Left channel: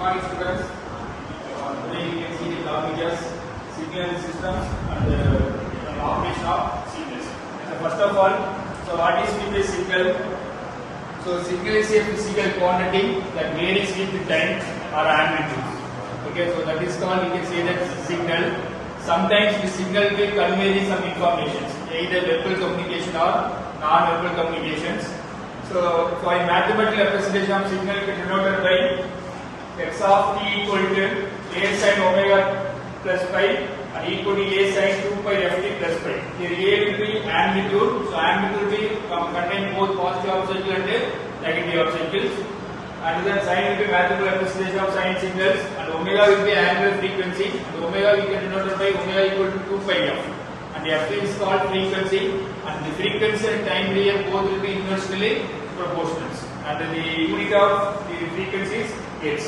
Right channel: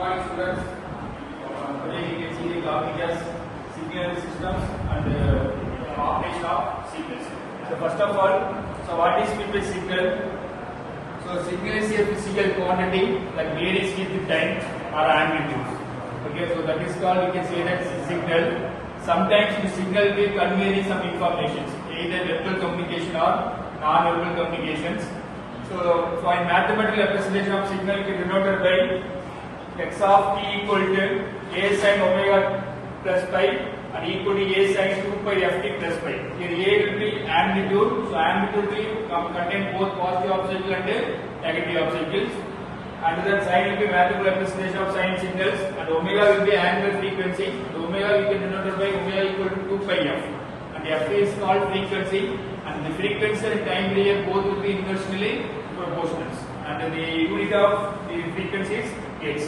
morning students. Today we can see the topic as signal systems and operation of signals. So first of all, what is meant by signal? So signal is a physical quantity that varies with time or amplitude. Okay, so that is called, you can say that signal. Sometimes the signal will convey some information, either verbal communication or non-verbal communications. So for a mathematical representation of signal, you can denote it by x of t equal to a sin omega plus pi and equal to a sin 2 pi ft plus pi. Here a will be amplitude, so amplitude will contain both positive half cycle and negative half cycles. And then sin will be mathematical representation of sine signals, and omega will be angular frequency. And omega we can denote by omega equal to 2 pi f. And f is called frequency, and the frequency and time period both will be inversely proportional. And the unit of the frequency is hertz.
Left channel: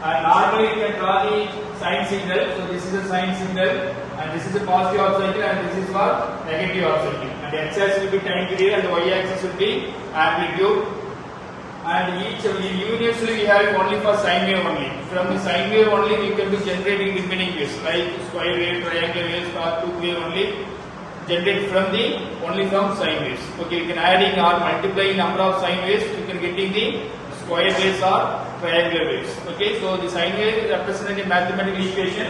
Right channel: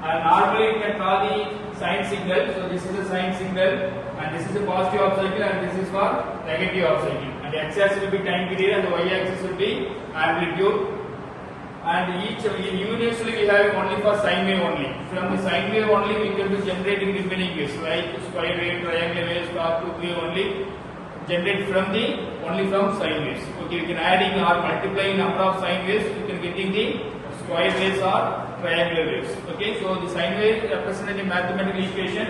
And normally you can draw the sine signal. So this is a sine signal, and this is a positive half cycle, and this is for negative half cycle. And the x-axis will be time period, and the y-axis will be amplitude. And each universally we have it only for sine wave only. From the sine wave only we can be generating remaining waves like square wave, triangle wave, star tube wave only generated from the only from sine waves. Okay, you can adding or multiplying number of sine waves, you can getting the square waves or triangular waves. Okay, so the sine wave represented in mathematical equation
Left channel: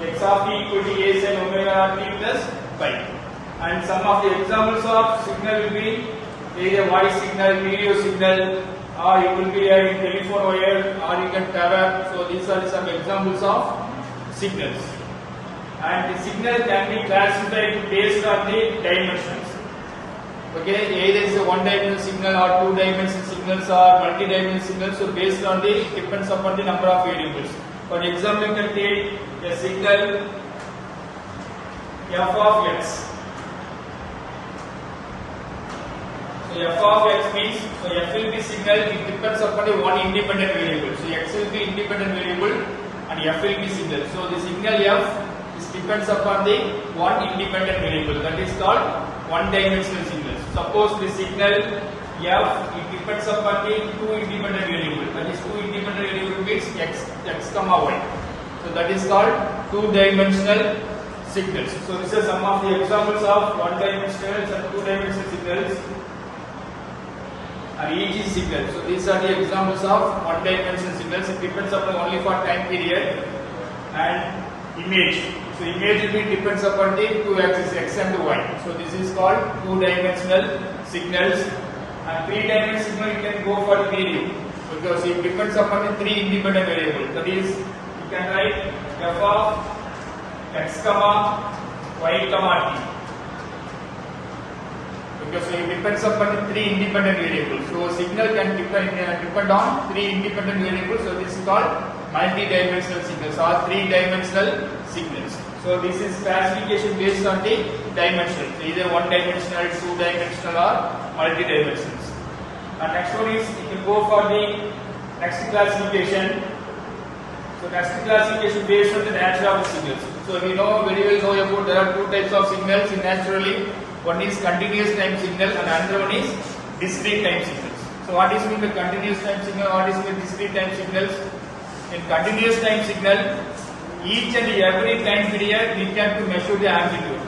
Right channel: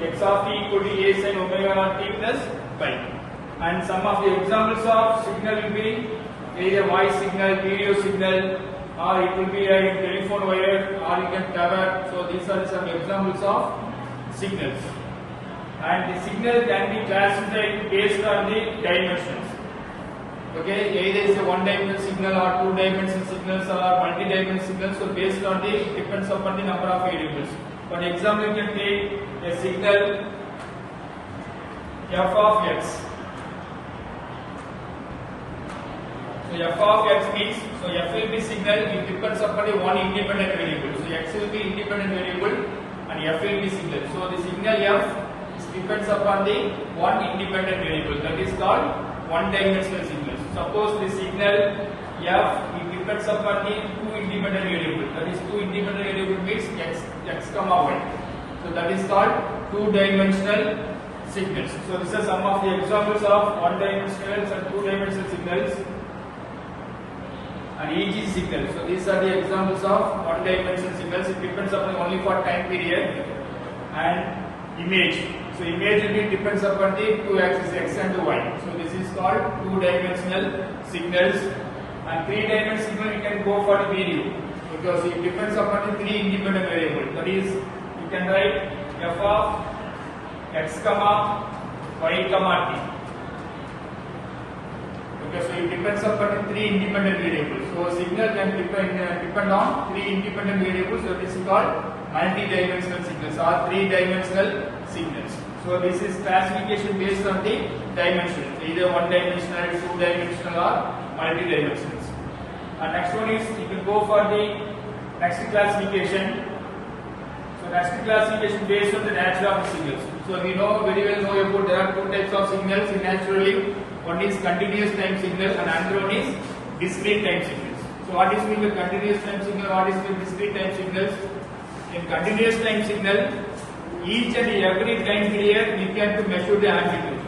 x of t equal to a sin omega t plus pi. And some of the examples of signal will be either voice signal, video signal, or it will be in telephone wire, or you can cover. So these are some examples of signals. And the signal can be classified based on the dimensions. Okay, either it's a one-dimensional signal or two-dimensional signals or multi-dimensional signals. So based on the depends upon the number of variables. For example, you can take a signal f of x. So f of x means, so f will be signal, it depends upon the one independent variable. So x will be independent variable and f will be signal. So the signal f depends upon the one independent variable, that is called one-dimensional signal. Suppose the signal f, it depends upon the two independent variable, that is two independent variable means x comma y. So that is called two-dimensional signals. So these are some of the examples of one-dimensional and two-dimensional signals. And EG signal. So these are the examples of one-dimensional signals. It depends upon only for time period. And image. So image will be depends upon the two axes x and y. So this is called two-dimensional signals. And three-dimensional signal you can go for 3D because it depends upon the three independent variables. That is, you can write f of x comma y comma t. Because it depends upon the three independent variables. So signal can depend on three independent variables. So this is called multi-dimensional signals or three-dimensional signals. So this is classification based on the dimension, either one-dimensional, two-dimensional or multi-dimensional. Next one is, you can go for the next classification. So next classification based on the nature of the signals. So we know very well about there are two types of signals in naturally. One is continuous time signal and another one is discrete time signals. So what is meant by continuous time signal? What is meant by discrete time signals? In continuous time signal, each and every time period we can to measure the amplitude.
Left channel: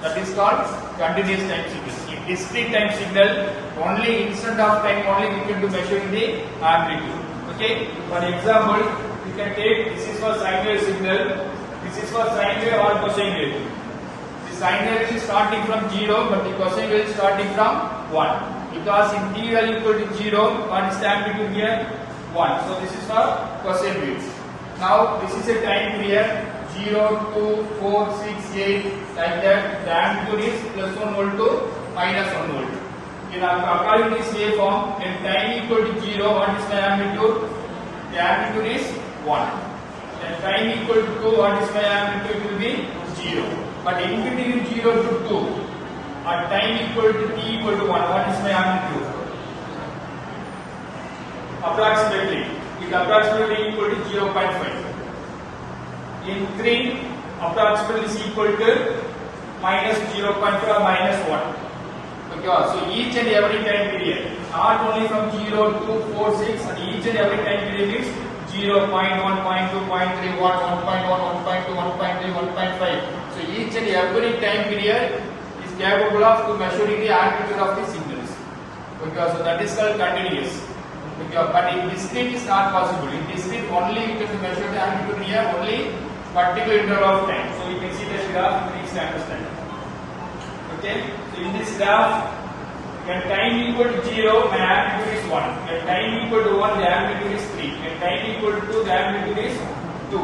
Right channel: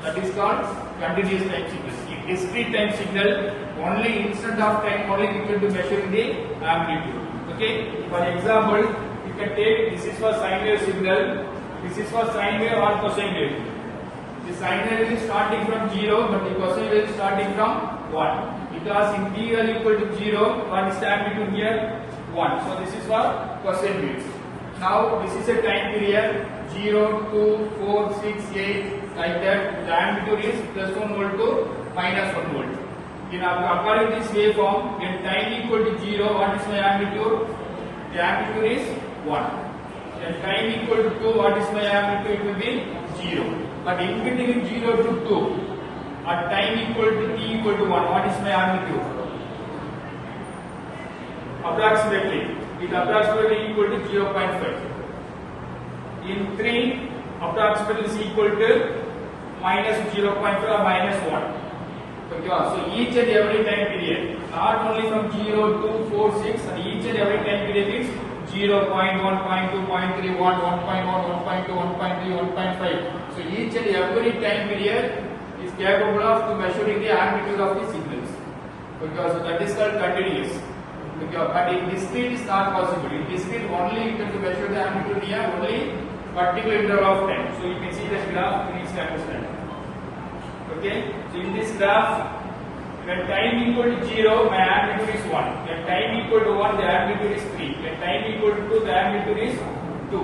That is called continuous time signal. In discrete time signal, only instant of time only we can to measure the amplitude. Okay. For example, you can take this is for sine wave signal. This is for sine wave or cosine wave. The sine wave is starting from 0, but the cosine wave is starting from 1. Because in t value equal to 0, what is the amplitude here? 1. So this is for cosine waves. Now this is a time period 0, 2, 4, 6, 8 like that. The amplitude is plus 1 volt to minus 1 volt. In according to this waveform, when time equal to 0, what is my amplitude? The amplitude is 1. When time equal to 2, what is my amplitude? It will be 0. But in between 0 to 2, at time equal to t equal to 1, what is my amplitude? Approximately. It approximately equal to 0.5. In 3, approximately is equal to minus 0.5 or minus 1. Okay, so each and every time period, not only from 0 to 4, 6, and each and every time period is 0, 0.1, 0.2, 0.3, 1, 1.1, 1.2, 1.3, 1.5. So each and every time period is capable of to measuring the amplitude of the signals. Because so that is called continuous. Because, but in discrete is not possible. In discrete only you can measure the amplitude here only particular interval of time. So you can see this graph, please understand. Okay. So in this graph, when time equal to 0, my amplitude is 1. When time equal to 1, the amplitude is 3. When time equal to 2, the amplitude is 2.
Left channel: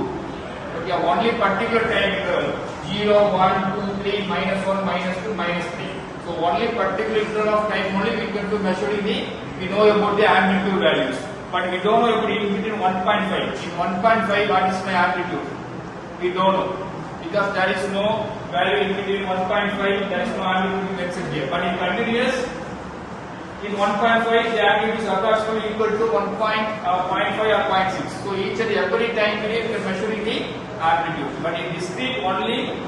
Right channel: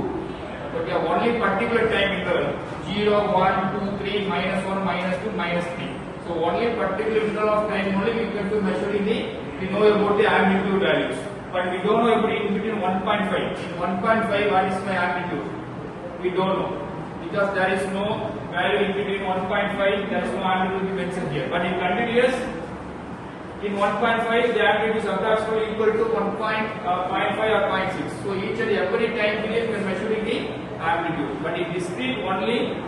Okay, only particular time interval 0, 1, 2, 3, minus 1, minus 2, minus 3. So only particular interval of time only we can do measuring the, we know about the amplitude values. But we don't know between 1.5. In 1.5, what is my amplitude? We don't know. Because there is no value in between 1.5, there is no amplitude mentioned here. But in continuous, in 1.5, the amplitude is approximately equal to 1.5 or 0.6. So each and every time period we are measuring the amplitude. But in discrete only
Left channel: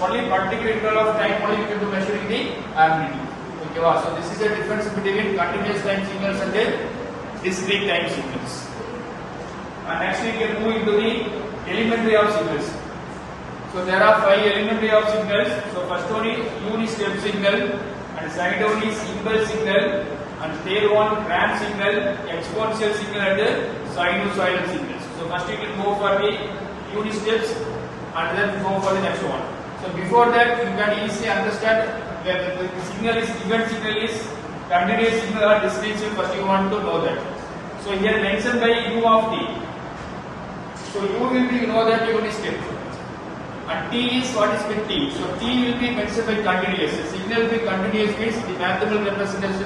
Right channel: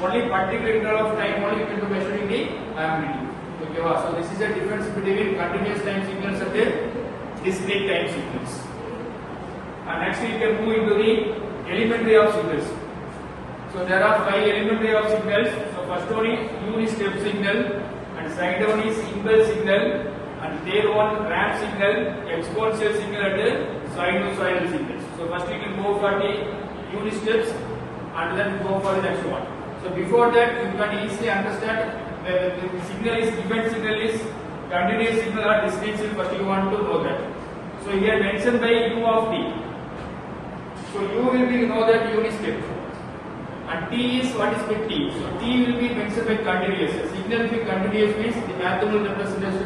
particular interval of time only you can do measuring the amplitude. Okay, so this is the difference between continuous time signals and the discrete time signals. And next we can move into the elementary of signals. So there are 5 elementary of signals. So first one is unit step signal, and second one is impulse signal, and third one ramp signal, exponential signal, and sinusoidal signals. So first you can go for the unit steps and then go for the next one. So before that you can easily understand whether the signal is given signal is continuous signal or discrete signal. First you want to know that. So here mentioned by U of t. So U will be you know that unit step. And T is what is with T. So T will be mentioned by continuous. The signal will be continuous means the mathematical representation